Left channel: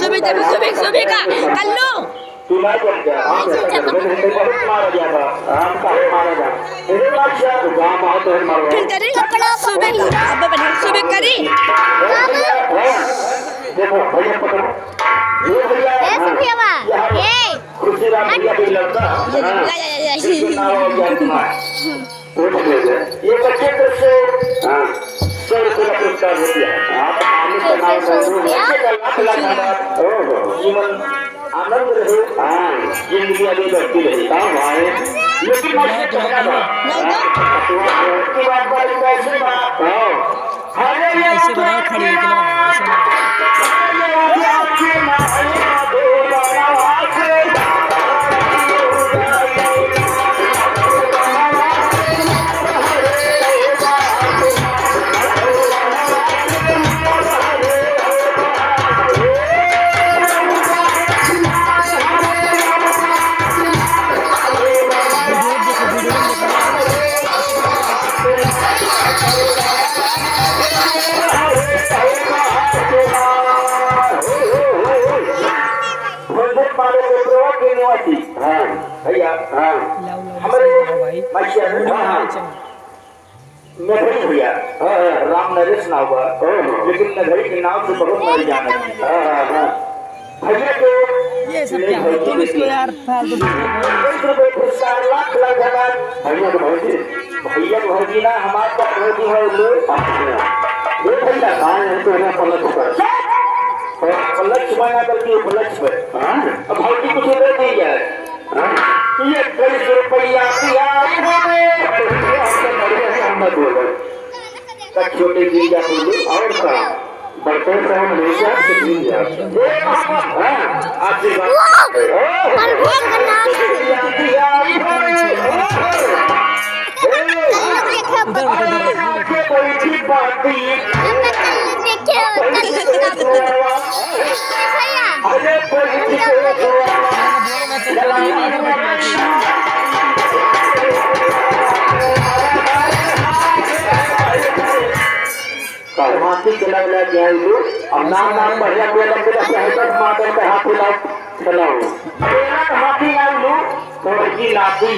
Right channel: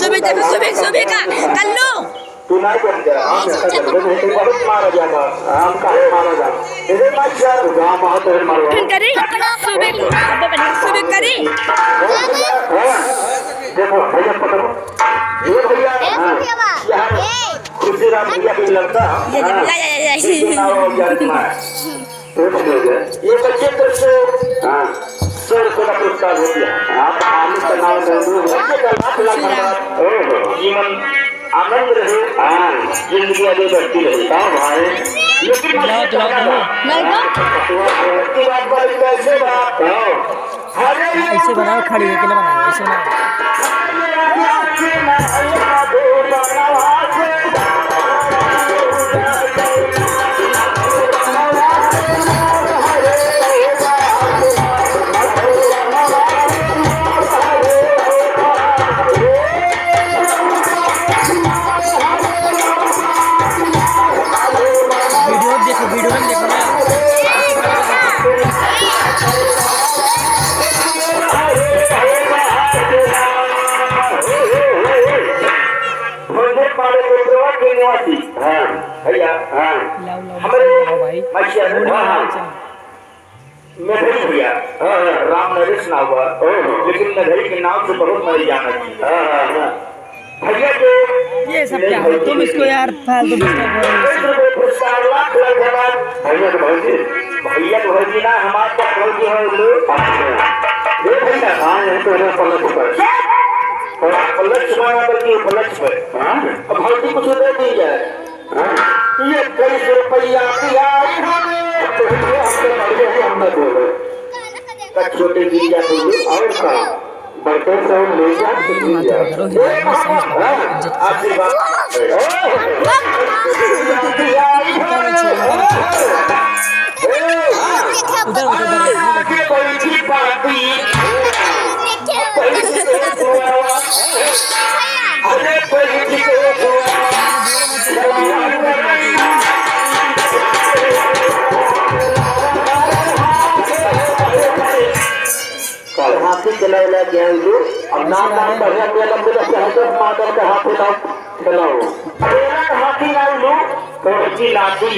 सुबह देखो सुबह सुबह का कल्लू फिर करी सुबह का अब बढ़िया सुबह करी ये बच्चे तरफ से सर को पुरस्कार हो गया जीवन आनंद रहे जिंदगी आगे बढ़ती रहे लेकिन ऐसे बनाओ खड़ी है बनाओ ऐसे भैया नगरी भैया राम नरेश नाव हुआ लेकिन नगरी के नाव से बहुत मरी जाना भैया को ये सब क्या है तुम इसको यार फालतू भैया तो भौजी ना हमारे पास भौजी है भैया पलट छुपाना करके पलट छुपे अब भौजी कुछ दे दी जाए ये 23 रुपया छोटे गिरिया बोले और का बड़े से हम ले जा हाथी चला गया अब नाम बढ़िया लग माता का हाथ चलाओ हाथी लो तो लाती